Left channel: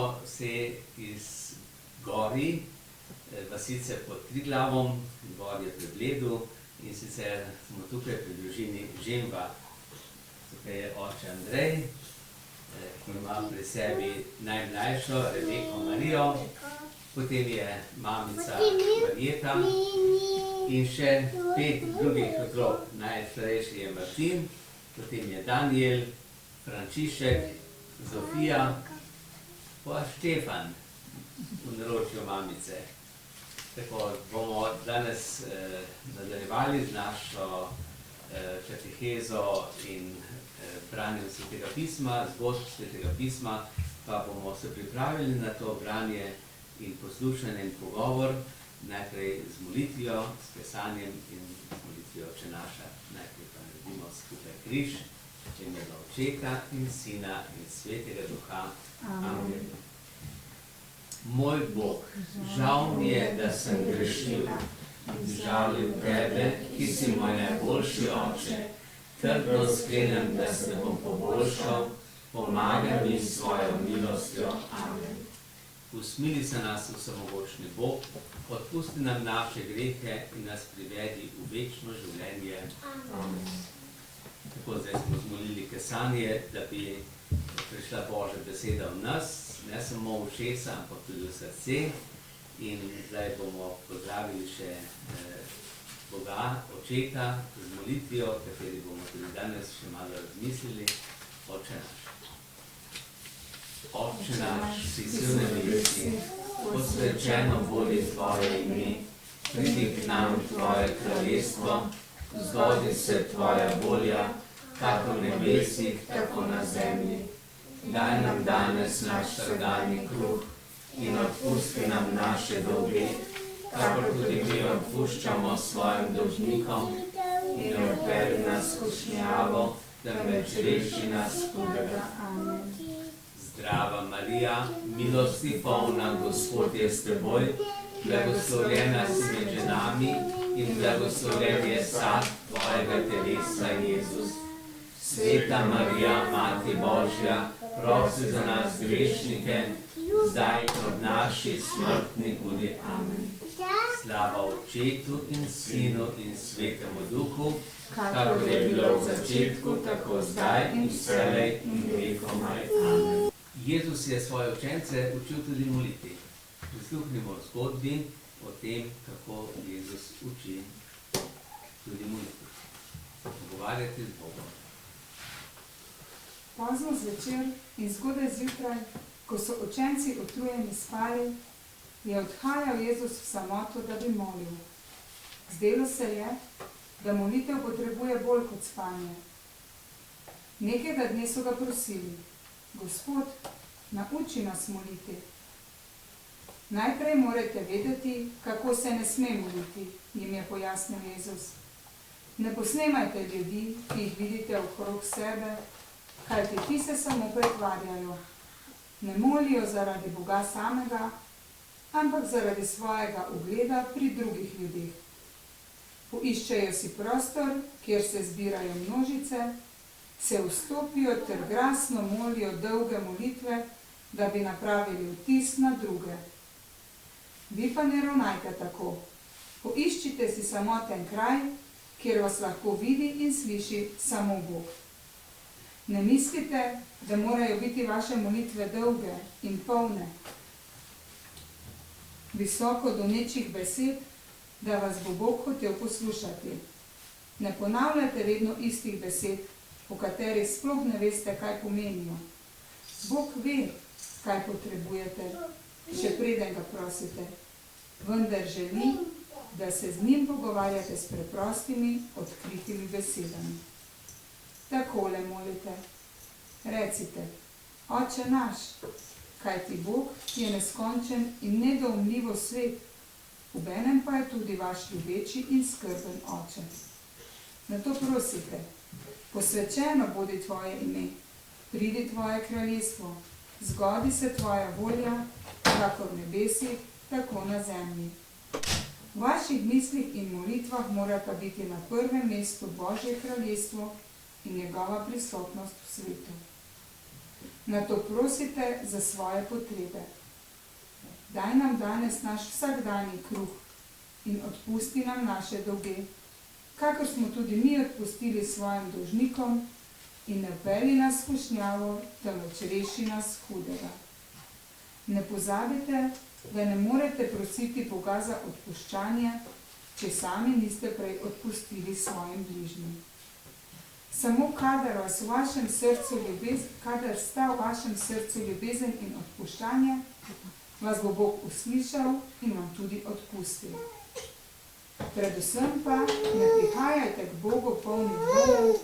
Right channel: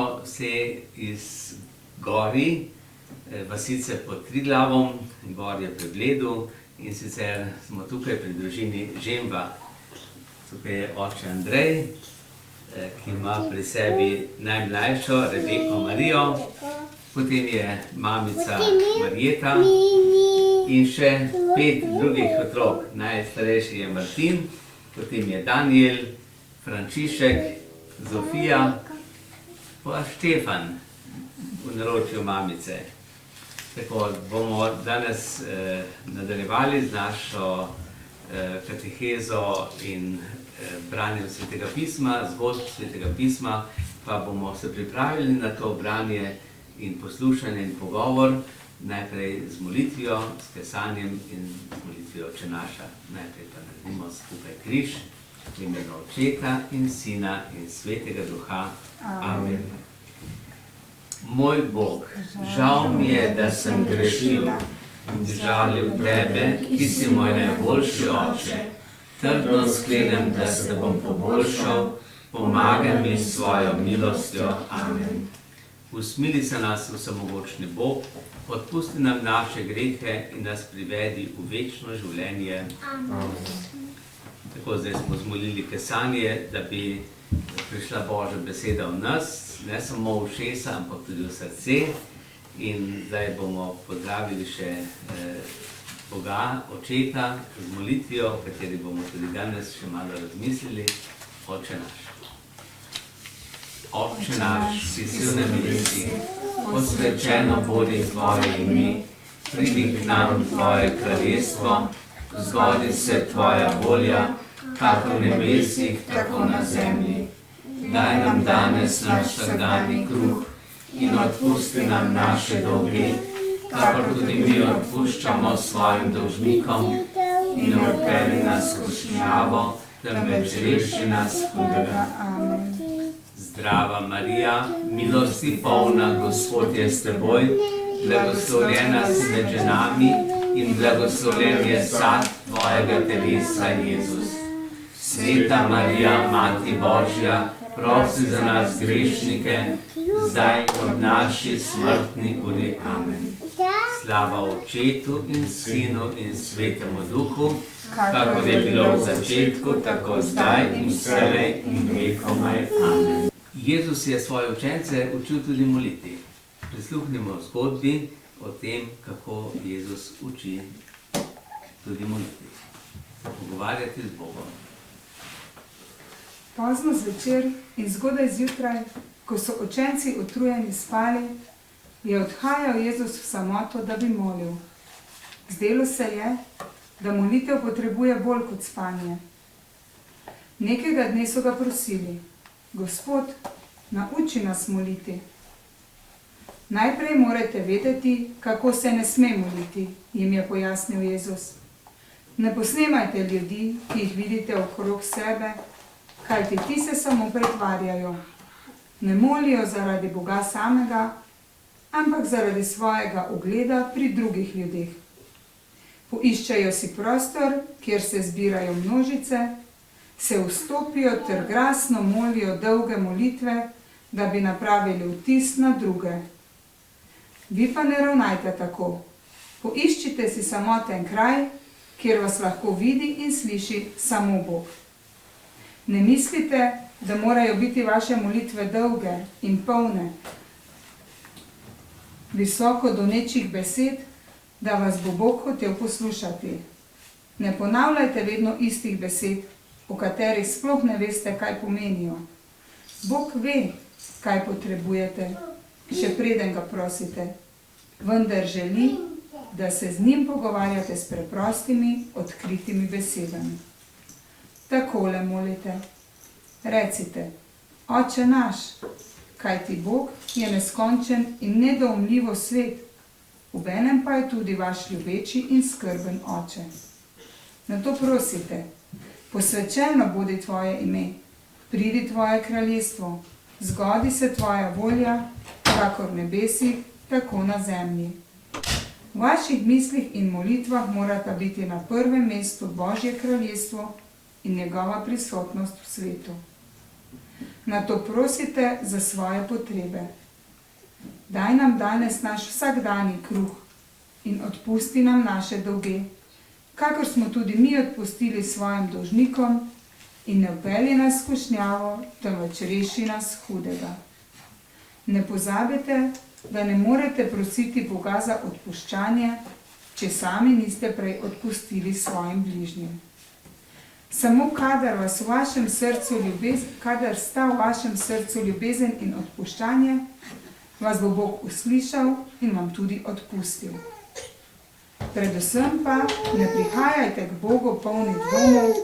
smo se iz gori, vasice pod Triglavom, gor je pri Bledu, in sicer smo tukaj pri družini Žemba. Tukaj je oče Andrej, ki ima pri sebi najmlajšo Rebeko Marijo, potem je mamica Marjeta in še 5 drugih otrok. Najstarejši je Martin, potem je Daniel, Frančišek, Zofija, pa Štefan v naročju mamice. Tako bomo danes nadaljevali z našo katehezo in branjem Svetega pisma, zgodb Svetega pisma, pa bomo se pripravili na to branje in poslušanje in pogovor, najprej z molitvijo, s kesanjem in z molitvijo Oče naša. Najprej pa naredimo skupaj križ, v imenu Očeta in Sina in Svetega Duha. Amen. Moj Bog, žal mi je, da sem grešil in žalil Tebe, ki si moj najboljši Oče. Trdno sklenem, da se bom poboljšal, pomagaj mi s svojo milostjo. Amen. Usmili se nas, vsemogočni Bog, odpusti nam naše grehe in nas privedi v večno življenje. Amen. Tako, zdaj smo zmolili kesanje, da bi prišla Božja beseda v nas, ne samo v ušesa, ampak tudi v srce. In zdaj bomo pozdravili še Boga, Očeta, z molitvijo, v kateri bomo tudi danes še malo razmislili. Oče naš. Oče naš, ki si v nebesih, posvečeno bodi Tvoje ime, pridi k nam Tvoje kraljestvo, zgodi se Tvoja volja, kako v nebesih, tako na zemlji. Daj nam danes naš vsakdanji kruh in odpusti nam naše dolge, kakor tudi mi odpuščamo svojim dolžnikom, in ne odpelji nas v skušnjavo, temveč reši nas hudega. Amen. Zdrava Marija, milosti polna, Gospod je s teboj, blagoslovljena si med ženami in blagoslovljen je sad tvojega telesa, Jezus. Sveta Marija, Mati Božja, prosi za nas grešnike, zdaj od naši smrtni uri. Amen. Slava Očetu in Sinu in Svetemu Duhu, kakor je bilo v začetku, tako zdaj in vselej in vekomaj. Amen. Jezus je svoje učence učil tudi moliti. Prisluhnimo zgodbi o tem, kako Jezus uči tudi moliti. Pogovarjati z Bogom. Pozno zvečer in zgodaj zjutraj, ko so učenci utrujeni spali, je odhajal Jezus v samoto, da bi molil. Zdelo se je, da molitev potrebuje bolj kot spanje. Nekega dne so ga prosili: Gospod, nauči nas moliti. Najprej morate vedeti, kako se ne sme moliti, jim je pojasnil Jezus. Ne posnemajte ljudi, ki jih vidite okrog sebe, kajti ti se samo pretvarjajo. Ne molijo zaradi Boga samega, ampak zaradi svojega ugleda pri drugih ljudeh. Poiščejo si prostor, kjer se zbirajo množice, se vstopijo ter glasno molijo dolge molitve, da bi napravili vtis na druge. Vi pa ne ravnajte tako. Poiščite si samoten kraj, kjer vas lahko vidi in sliši samo Bog. Ne mislite, da morajo biti vaše molitve dolge in polne, visoko donečih besed, da vas bo Bog hotel poslušati. Ne ponavljajte vedno istih besed, o katerih sploh ne veste, kaj pomenijo. Bog ve, kaj potrebujete, še preden ga prosite, vendar želi, da se z njim pogovarjate s preprostimi, odkritimi besedami. Takole molite. Recite: Oče naš, kajti Bog je neskončen in nedoumljivo svet, obenem pa je tudi vaš ljubeči in skrben Oče. Nato prosite: Posvečeno bodi Tvoje ime, pridi Tvoje kraljestvo, zgodi se Tvoja volja, kakor v nebesih, tako na zemlji. V vaših mislih in molitvah morata biti na prvem mestu Božje kraljestvo in njegova prisotnost v svetu. nato prosite za svoje potrebe. Daj nam danes naš vsakdanji kruh in odpusti nam naše dolge, kakor smo tudi mi odpustili svojim dolžnikom, in ne vpelji nas v skušnjavo, temveč reši nas hudega. Ne pozabite, da ne morete prositi Boga za odpuščanje, če sami niste prej odpustili svojim bližnjim. Samo kadar sta v vašem srcu ljubezen in odpuščanje, vas bo Bog uslišal in vam tudi odpustil. Predvsem pa ne prihajajte k Bogu polni dvomov,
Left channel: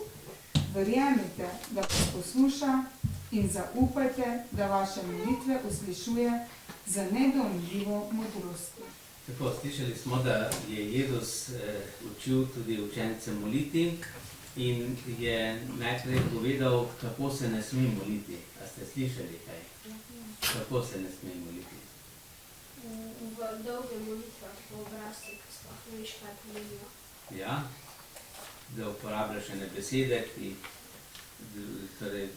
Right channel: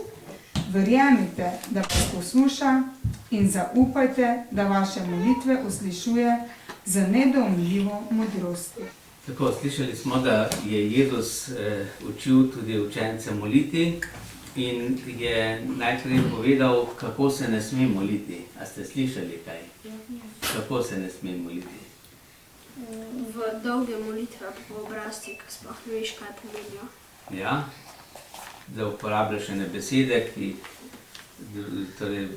verjemite, da vas posluša, in zaupajte, da vaše molitve uslišuje z nedoumljivo modrostjo. Tako, slišali smo, da je Jezus učil tudi učence moliti in je najprej povedal, kako se ne sme moliti. A ste slišali kaj? Kako se ne sme moliti? V dolge molitve po obrazci, ko sploh ne veš, kaj pomenijo. Ja, da uporabljaš ene besede, ki torej,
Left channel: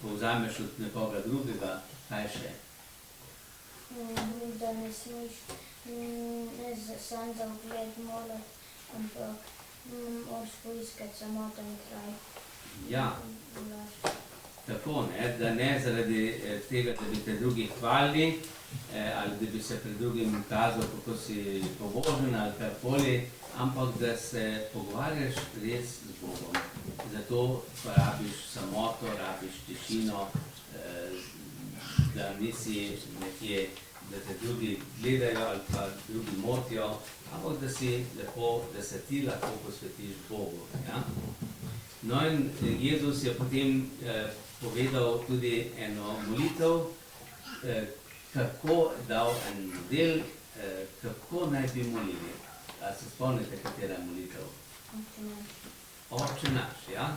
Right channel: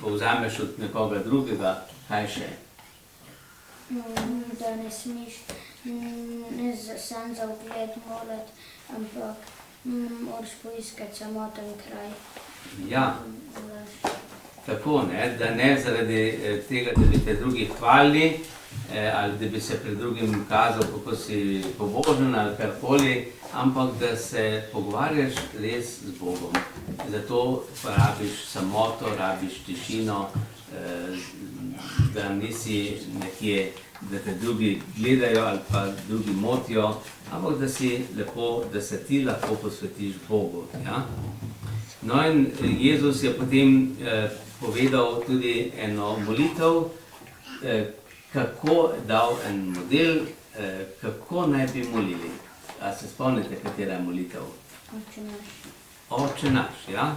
povzameš od nekoga drugega, kaj še? Da ne smeš ne sam za ugled moliti, ampak moraš poiskati samoten kraj. Ja, tako, ne, da ne zaradi tega, da bi te drugi hvalili, ali da bi se pred drugim kazal, kako si pobožen ali karkoli, ampak da se pogovarjaš res z Bogom. Zato pa rabiš samoto, rabiš tišino, da nisi nekje, da te drugi gledajo ali pa drugi motijo, ampak da si lepo, da se ti lahko posvetiš Bogu. Ja? No in Jezus je potem povedal tudi eno molitev, kako dal en model, kako naj bi molili. A se spomnite, katera je molitev? Oče naš, ja?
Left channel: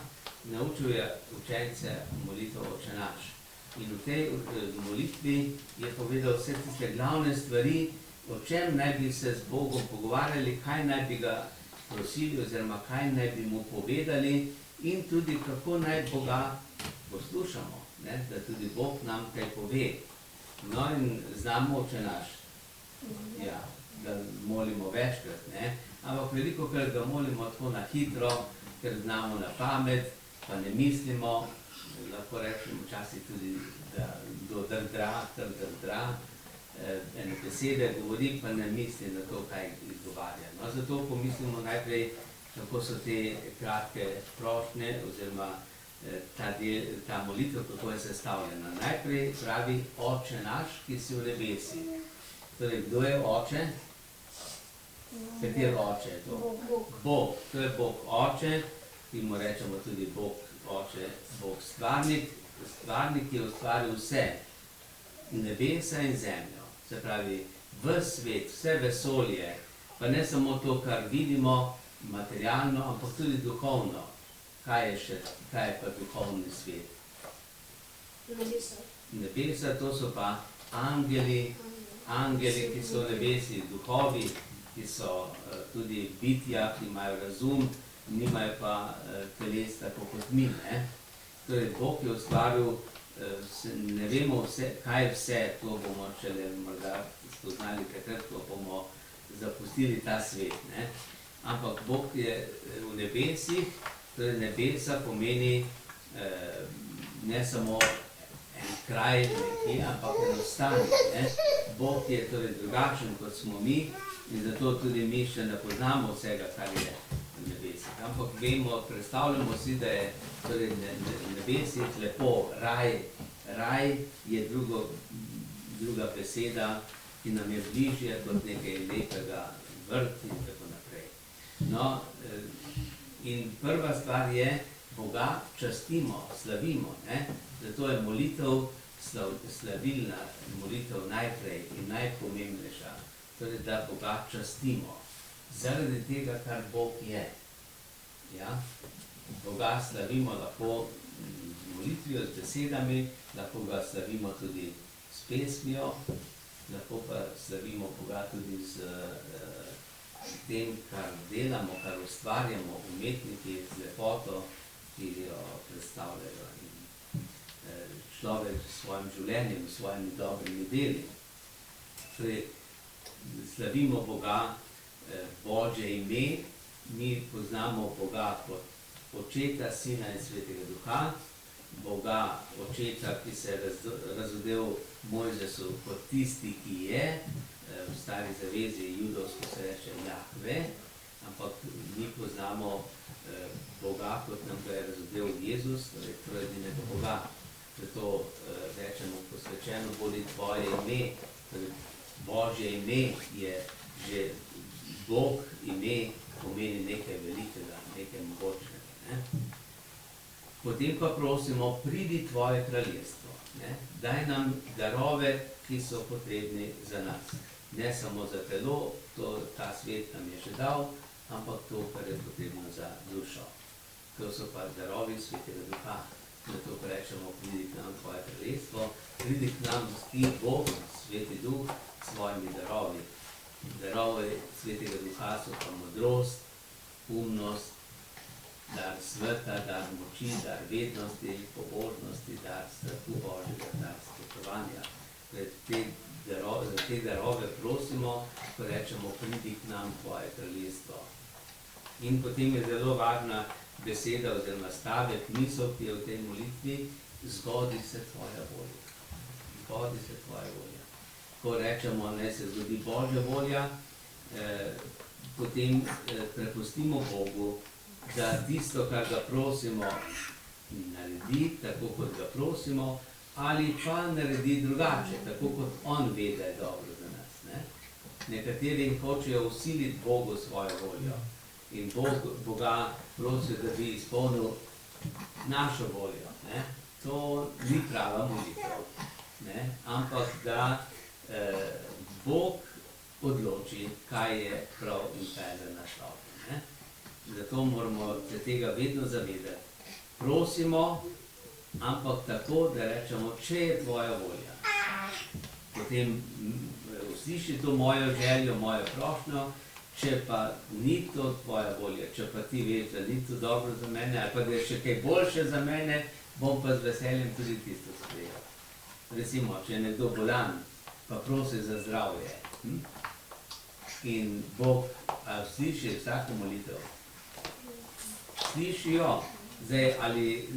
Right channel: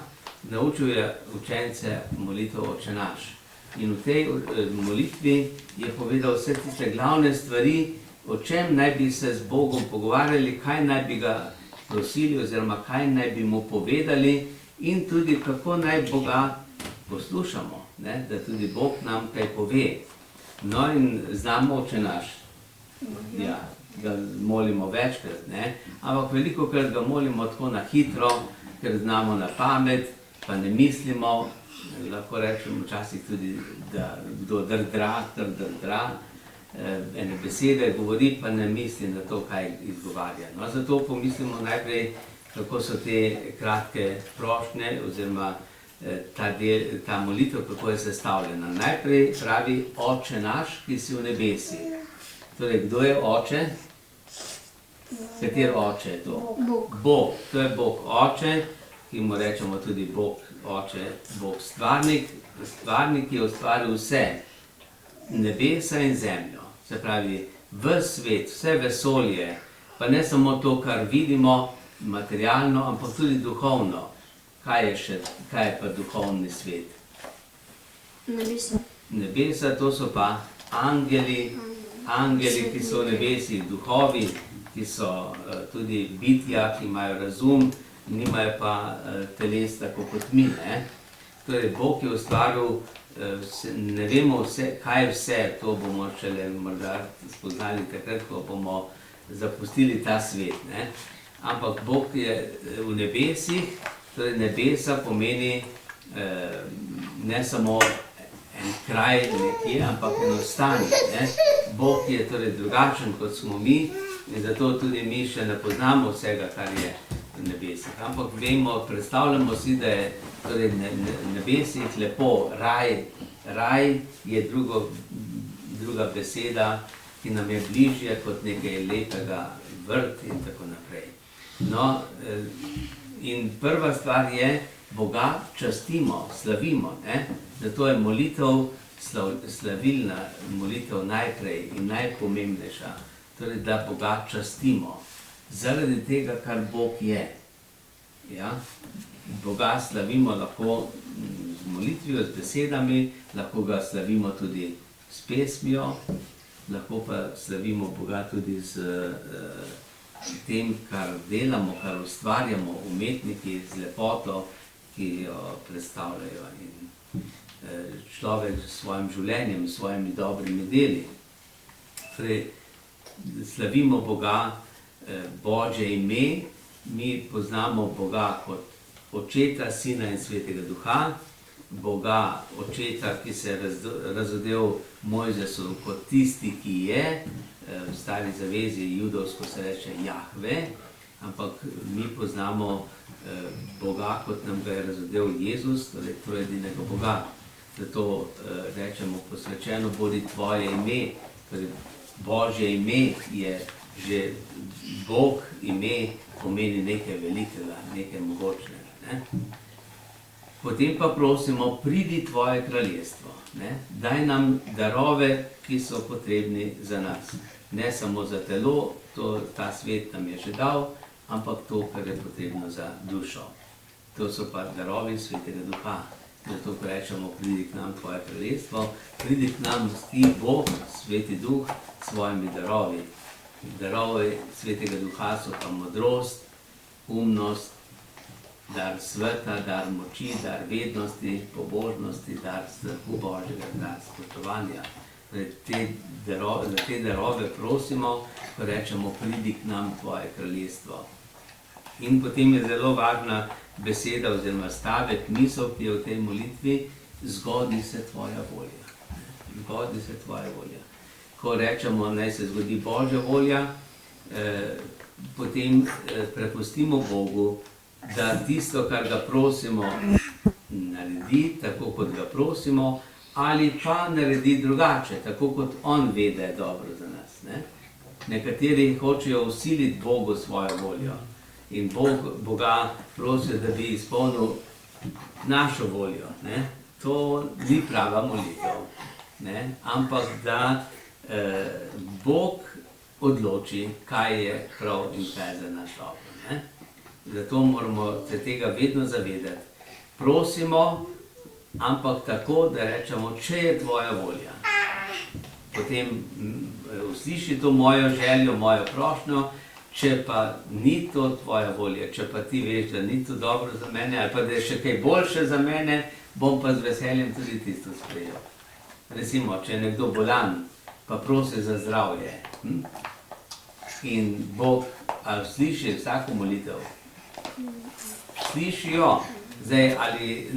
Naučil je učence molitev Oče naš. In v tej molitvi je povedal vse tiste glavne stvari, o čem naj bi se z Bogom pogovarjali, kaj naj bi ga prosili oziroma kaj naj bi mu povedali in tudi kako naj Boga poslušamo, ne? Da tudi Bog nam kaj pove. No in znamo Oče naš, ja, ga molimo večkrat, ne? Ampak velikokrat ga molimo tako na hitro, ker znamo na pamet, pa ne mislimo, lahko rečemo včasih tudi, da kdo drdra, ene besede govori, pa ne misli na to, kaj izgovarja. No, zato pomislimo najprej, kako so te kratke prošnje oziroma ta molitev, kako je sestavljena. Najprej pravi Oče naš, ki si v nebesi. Torej, kdo je Oče? Kater Oče je to? Bog. Bog, to je Bog Oče, ki mu rečemo tudi Bog Oče, Bog stvarnik, stvarnik je ustvaril vse, nebesa in zemljo. Se pravi, ves svet, vse vesolje, pa ne samo to, kar vidimo materialno, ampak tudi duhovno. Kaj je pa duhovni svet? Nebesa. Nebesa, to so pa angeli, ki so v nebesi, duhovi, ki so tudi bitja, ki imajo razum, nimajo pa teles tako kot mi. Torej, Bog je ustvaril, ne vemo vse, kaj vse, to bomo šele morda spoznali takrat, ko bomo zapustili ta svet. Ampak Bog je v nebesih, torej nebesa pomeni ne samo en kraj nekje, ampak eno stanje. Bog je torej drugačen kot smo mi in zato tudi mi še ne poznamo vsega, kar je v nebesih. Ampak vemo, predstavljamo si, da je torej nebesih lepo, raj je druga beseda, ki nam je bližje kot nekaj lepega, vrt in tako naprej. No, in prva stvar je, Boga častimo, slavimo. Zato je molitev, slavilna molitev najprej in najpomembnejša. Torej, da Boga častimo. Zaradi tega, kar Bog je. Ja? Boga slavimo lahko z molitvijo, z besedami, lahko ga slavimo tudi s pesmijo, lahko pa slavimo Boga tudi z tem, kar delamo, kar ustvarjamo, umetniki z lepoto, ki jo predstavljajo. In človek s svojim življenjem, s svojimi dobrimi deli. Torej, slavimo Boga, Božje ime, mi poznamo Boga kot Očeta, Sina in Svetega Duha, Boga Očeta, ki se je razodel Mojzesu kot tisti, ki je, v Stari zavezi judovsko se reče Jahve, ampak mi poznamo Boga, kot nam ga je razodel Jezus, torej trojedinega Boga. Zato rečemo posvečeno bodi tvoje ime, torej Božje ime je že Bog ime, pomeni nekaj velikega, nekaj mogočnega. Ne? Potem pa prosimo, pridi tvoje kraljestvo. Ne? Daj nam darove, ki so potrebni za nas. Ne samo za telo, ta svet nam je že dal, ampak to, kar je potrebno za dušo. To so pa darovi Svetega Duha. Zato rečemo, pridi k nam tvoje kraljestvo, pridi k nam ti Bog, Sveti Duh, s svojimi darovi. Darovi Svetega Duha so pa modrost, umnost, dar sveta, dar moči, dar vednosti, pobožnosti, dar strahu Božjega, dar spoštovanja. Za te darove prosimo, ko rečemo, pridi k nam tvoje kraljestvo. In potem je zelo važna beseda oziroma stavek, misel, ki je v tej molitvi, zgodi se tvoja volja. Zgodi se tvoja volja. Ko rečemo, naj se zgodi Božja volja, potem prepustimo Bogu, da tisto, kar ga prosimo, naredi tako, kot ga prosimo, ali pa naredi drugače, tako kot on ve, da je dobro za nas. Ne? Nekateri hočejo vsiliti Bogu svojo voljo in Boga prosijo, da bi izpolnil našo voljo. Ne? To ni prava molitev, ne? Ampak da Bog odloči, kaj je prav in kaj je za naš dobro. Ne? Zato moramo se tega vedno zavedati. Prosimo, ampak tako, da rečemo, če je tvoja volja. Potem usliši to mojo željo, mojo prošnjo, če pa ni to tvoja volja, če pa ti veš, da ni to dobro za mene, ali pa da je še kaj boljše za mene, bom pa z veseljem tudi tisto sprejel. Recimo, če je nekdo bolan, pa prosi za zdravje. In Bog sliši vsako molitev. Sliši jo. Zdaj, ali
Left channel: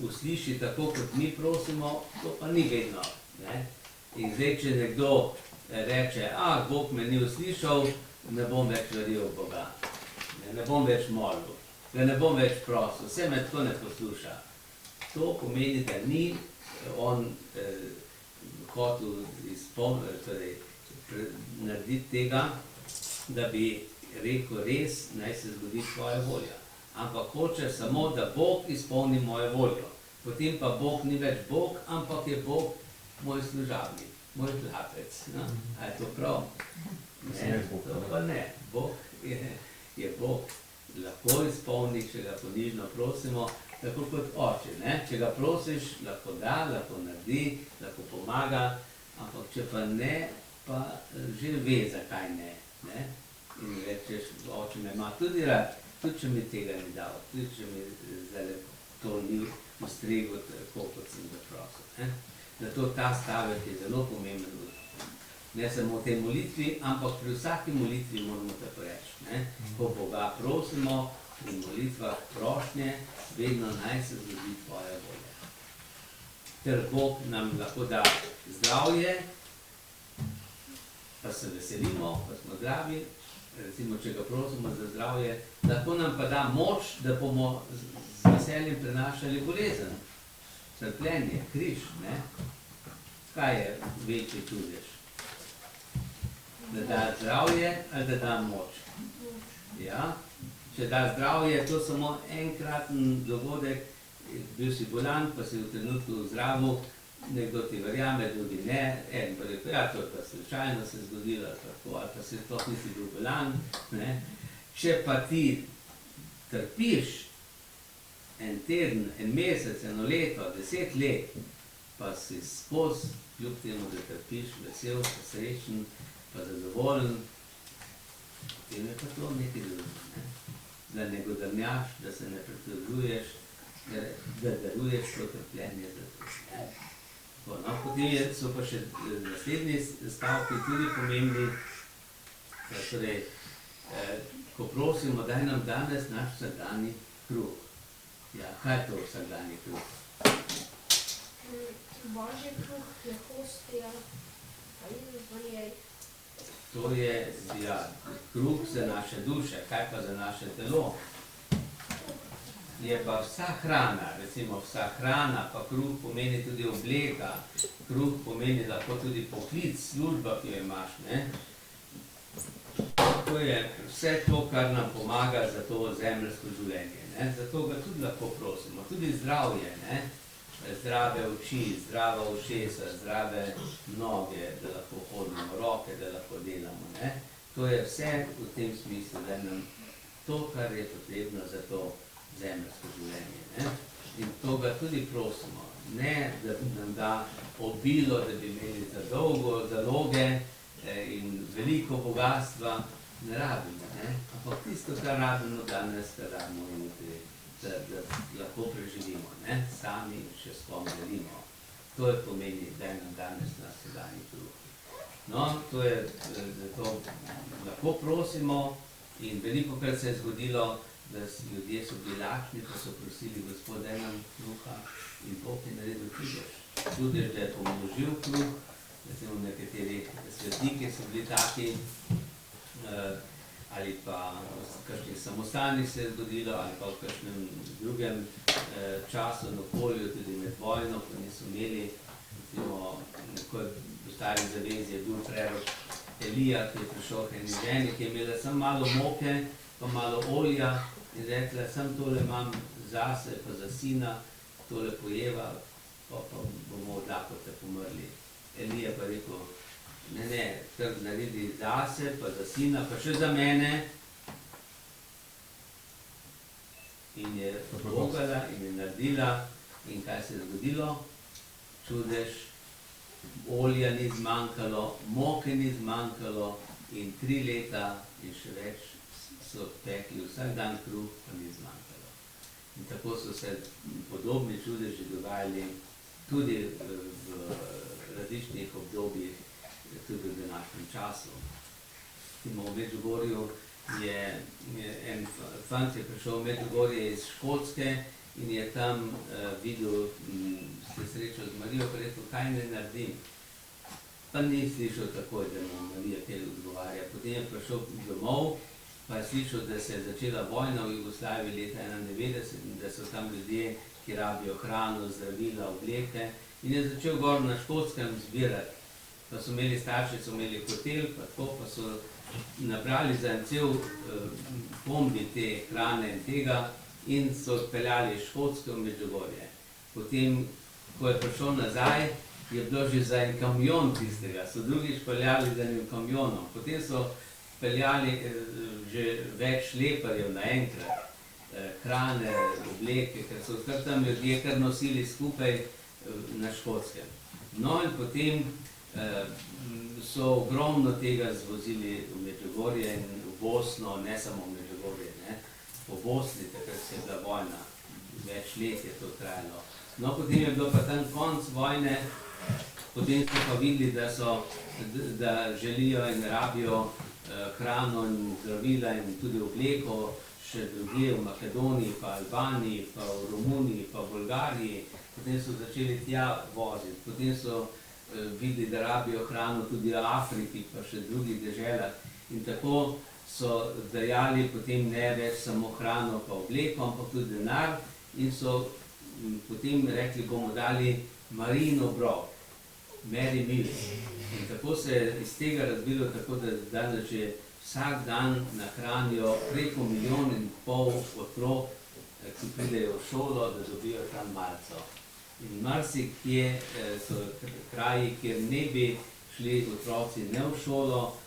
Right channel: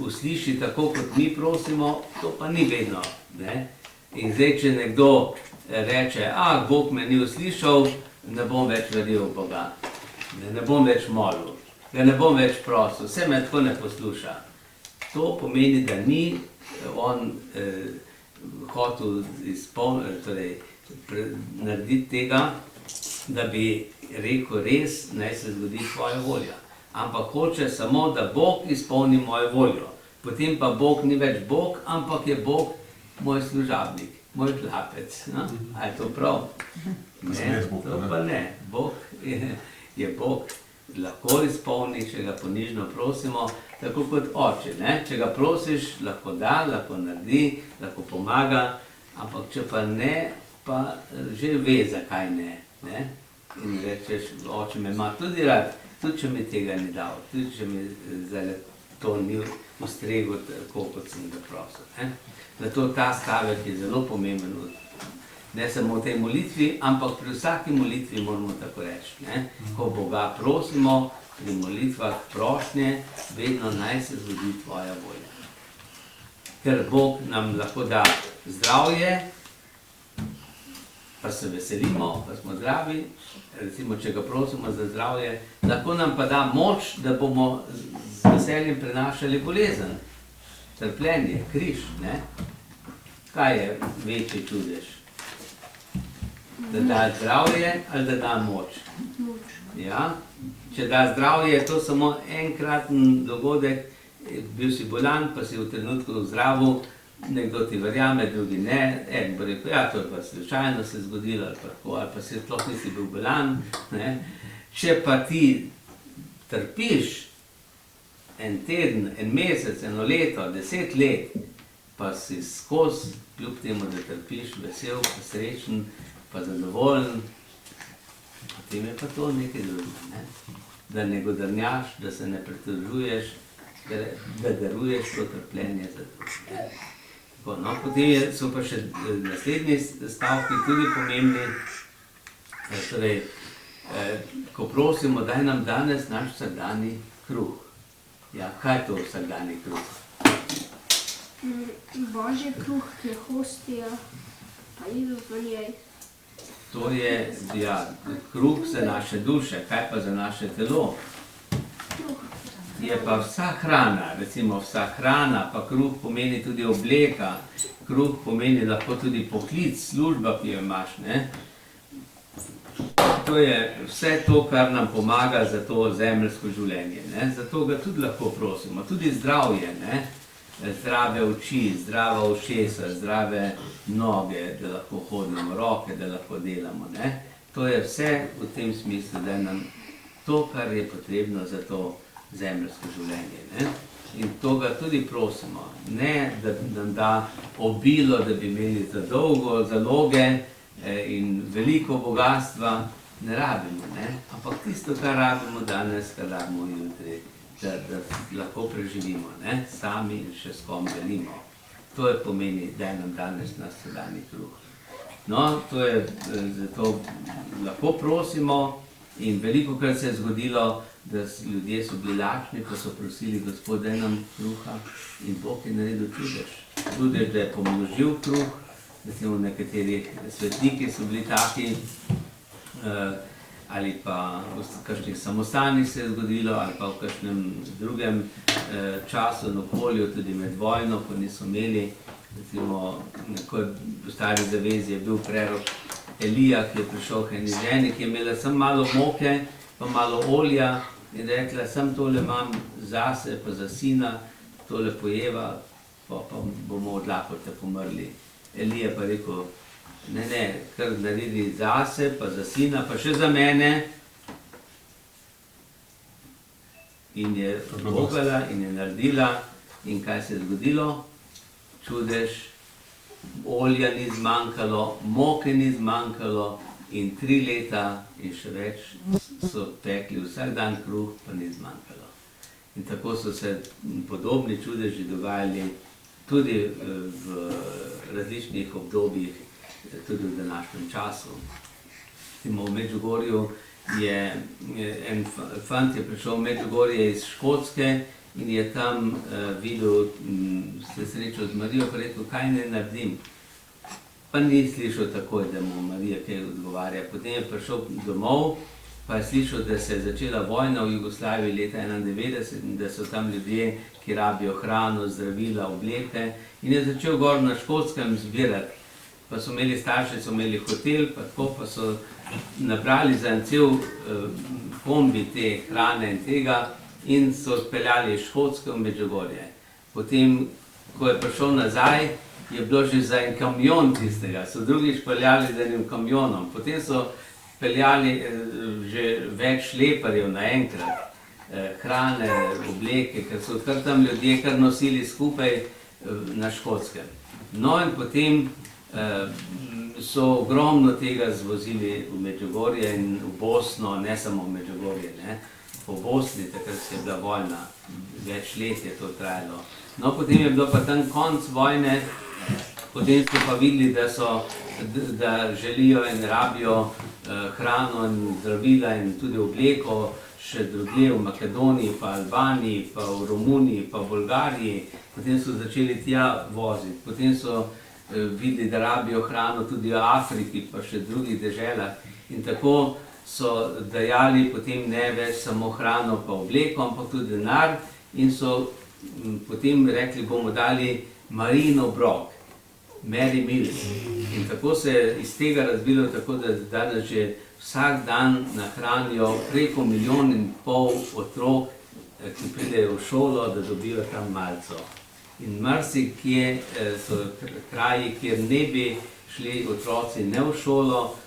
usliši tako, kot mi prosimo, to pa ni vedno. Ne? In zdaj, če nekdo reče, Bog me ni uslišal, ne bom več verjel v Boga. Ne bom več molil, ga ne bom več prosil, vse me tako ne posluša. To pomeni, da ni on hotel narediti tega, da bi rekel res, naj se zgodi tvoja volja. Ampak hoče samo, da Bog izpolni mojo voljo. Potem pa Bog ni več Bog, ampak je Bog moj služabnik, moj hlapec. No? A je to prav? Ne, to pa ne. Bog je Bog, lahko izpolni, če ga ponižno prosimo, tako kot oče. Ne? Če ga prosiš, lahko da, lahko naredi, lahko pomaga, ampak če pa ne, pa že ve, zakaj ne. Ne? In rečeš, oče me ima tudi rad, tudi če mi tega ni dal, tudi če mi zdaj to ni ustreglo tako, kot sem ga prosil. Zato ta stavek je zelo pomemben, ne samo v tej molitvi, ampak pri vsaki molitvi moramo tako reči. Ne? Ko Boga prosimo, pri molitvah prošnje, vedno naj se zgodi tvoja volja. Ker Bog nam lahko da zdravje, pa se veselimo, pa smo zdravi, recimo, če ga prosimo za zdravje, lahko nam pa da moč, da bomo z veseljem prenašali bolezen, trpljenje, križ. Ne? Kaj je večji čudež? Da da zdravje ali da da moč? Ja? Če da zdravje, je to samo enkraten dogodek, bil si bolan, pa si v trenutku zdravil, nekdo ti verjame, drugi ne, en bo rekel, to je pa slučajno se zgodilo, ali pa si sploh nisi bil bolan. Ne? Če pa ti trpiš en teden, en mesec, eno leto, 10 let, pa si skozi, kljub temu, da trpiš, vesel, pa srečen, pa zadovoljen, potem je pa to nekaj drugega. Ne? Da ne godrnjaš, da se ne pritožuješ, da daruješ to trpljenje za druge. No, potem so pa še naslednji stavki tudi pomembni. Torej, ko prosimo, daj nam danes naš vsakdanji kruh. Ja, kaj je to vsakdanji kruh? Božji kruh, ki je hostija, pa Jezus v njej. To je, ja, kruh za naše duše, kaj pa za naše telo? Je pa vsa hrana, recimo vsa hrana, pa kruh pomeni tudi obleka, kruh pomeni lahko tudi poklic, služba, ki jo imaš, ne? To je vse to, kar nam pomaga za to zemeljsko življenje, ne? Zato ga tudi lahko prosimo, tudi zdravje, ne? Zdrave oči, zdrava ušesa, zdrave noge, da lahko hodimo, roke, da lahko delamo, ne? To je vse v tem smislu, da je nam to, kar je potrebno za to zemeljsko življenje, ne? In to ga tudi prosimo, ne da nam da obilo, da bi imeli za dolgo zaloge in veliko bogatstva, ne rabimo, ne? Ampak tisto, kar rabimo danes, kar rabimo jutri, da lahko preživimo, ne? Sami in še s kom delimo. To je pomeni, da nam danes naš vsakdanji kruh. No, to je, zato lahko prosimo in velikokrat se je zgodilo, da ljudje so bili lačni, ko so prosili Gospod, daj nam kruha, in Bog je naredil čudež. Čudež, da je pomnožil kruh, recimo nekateri svetniki so bili taki, ali pa v kakšnih samostanih se je zgodilo, ali pa v kakšnem drugem času in okolju, tudi med vojno, ko niso imeli, recimo, v Stari zavezi je bil prerok Elija, ki je prišel k eni ženi, ki je imela samo malo moke, pa malo olja, in rekla, sem tole imam zase, pa za sina, tole pojeva, pa bomo od lakote pomrli. Elija pa rekel, ne, kar naredi zase, pa za sina, pa še za mene. In je pogala in je naredila, in kaj se je zgodilo? Čudež, olja ni zmanjkalo, moke ni zmanjkalo, in 3 leta in še več so pekli vsak dan kruh, pa ni zmanjkalo. In tako so se podobni čudeži dogajali tudi v različnih obdobjih, tudi v današnjem času. V Medžugorju je en fant je prišel v Medžugorje iz Škotske in je tam videl, se srečal z Marijo, pa rekel, kaj ne naredim. Pa ni slišal takoj, da mu Marija kaj odgovarja. Potem je prišel domov, pa je slišal, da se je začela vojna v Jugoslaviji leta 1991 in da so tam ljudje, ki rabijo hrano, zdravila, obleke, in je začel gor na Škotskem zbirati. Pa so imeli starši, so imeli hotel, pa tako, pa so nabrali za en cel kombi te hrane in tega in so odpeljali iz Škotske v Medžugorje. Potem, ko je prišel nazaj, je bilo že za en kamion tistega, so drugič peljali z enim kamionom, potem so peljali že več šleparjev naenkrat, hrane, obleke, ker so kar tam ljudje kar nosili skupaj na Škotskem. No in potem so ogromno tega zvozili v Medžugorje in v Bosno, ne samo v Medžugorje, ne, po Bosni, takrat je bila vojna, več let je to trajalo. No, potem je bilo pa tam konc vojne, potem so pa videli, da želijo in rabijo hrano in zdravila in tudi obleko še drugje v Makedoniji, pa Albaniji, pa v Romuniji, pa v Bolgariji. Potem so začeli tja voziti, potem so videli, da rabijo hrano tudi v Afriki, pa še drugih deželah. In tako so dajali potem ne več samo hrano pa obleko, ampak tudi denar in so potem rekli, bomo dali Marijin obrok, Mary Meal. In tako se je iz tega razvilo tako, da danes že vsak dan nahranijo preko 1,5 milijona otrok, ki pridejo v šolo, da dobijo tam malco. In marsikje so kraji, kjer ne bi šli otroci ne v šolo,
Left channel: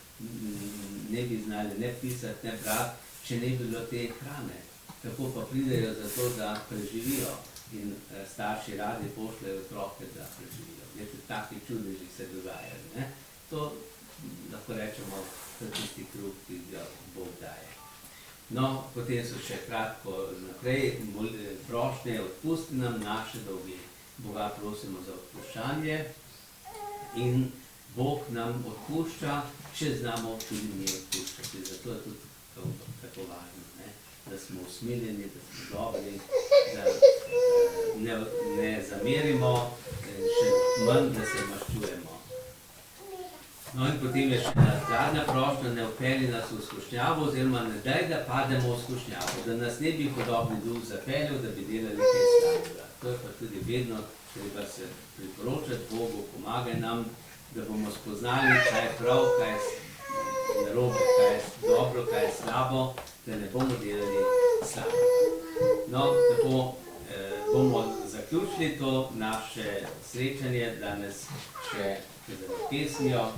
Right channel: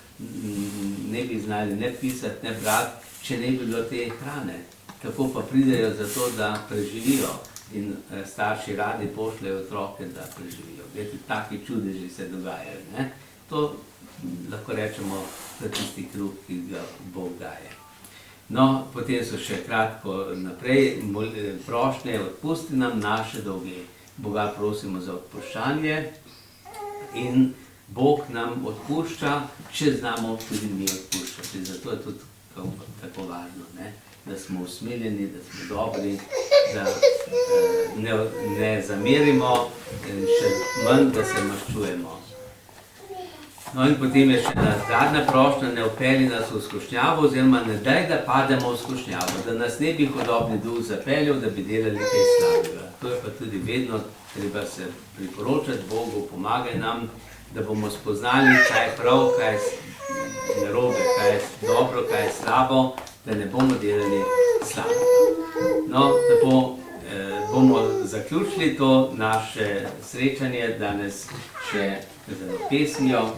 ne bi znali ne pisati, ne brati, če ne bi bilo te hrane. Tako pa pridejo zato, da preživijo in starši radi pošljajo otroke, da preživijo. Glede, taki čudeži se dogajajo, ne? To lahko rečemo, da tisti kruh, ki ga Bog daje. No, potem so še kratko naprej prošnje, odpusti nam naše dolge. Boga prosimo za odpuščanje in Bog nam odpušča, če znamo tudi mi odpuščati. Zato je tudi tako važno, ne? Da smo usmiljeni, da smo dobri, da ne zamerimo in še manj, da se maščujemo. No in potem je še zadnja prošnja, ne vpelji nas v skušnjavo, oziroma ne daj, da pademo v skušnjavo, da nas ne bi hudobni duh zapeljal, da bi delali kaj slabega. To je pa tudi vedno treba se priporočati Bogu, pomagaj nam, da bomo spoznali, kaj je prav, kaj je narobe, kaj je dobro, kaj je slabo, da ne bomo delali slabega. No, tako bomo zaključili to naše srečanje danes še z pesmijo.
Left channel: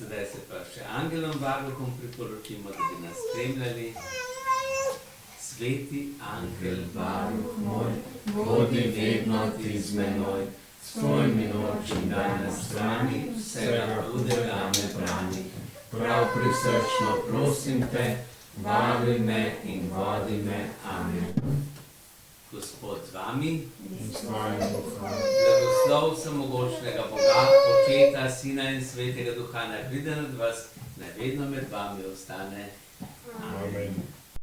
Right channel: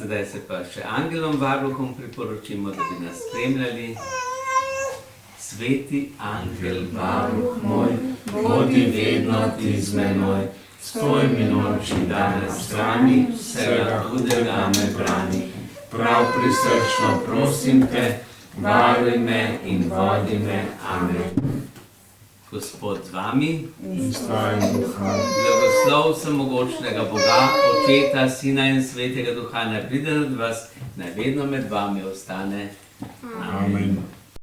Zdaj se pa še angelom varuhom priporočimo, da bi nas spremljali. Sveti angel varuh moj, bodi vedno ti z menoj, stoj mi noč in dan na strani, vsega hudega me brani. Prav prisrčno prosim te, varuj me in vodi me. Amen. Gospod z vami in s tvojim duhom. Blagoslov vsemogočnega Boga, Očeta, Sina in Svetega Duha, naj pride nad vas, naj vedno med vami ostane. Amen.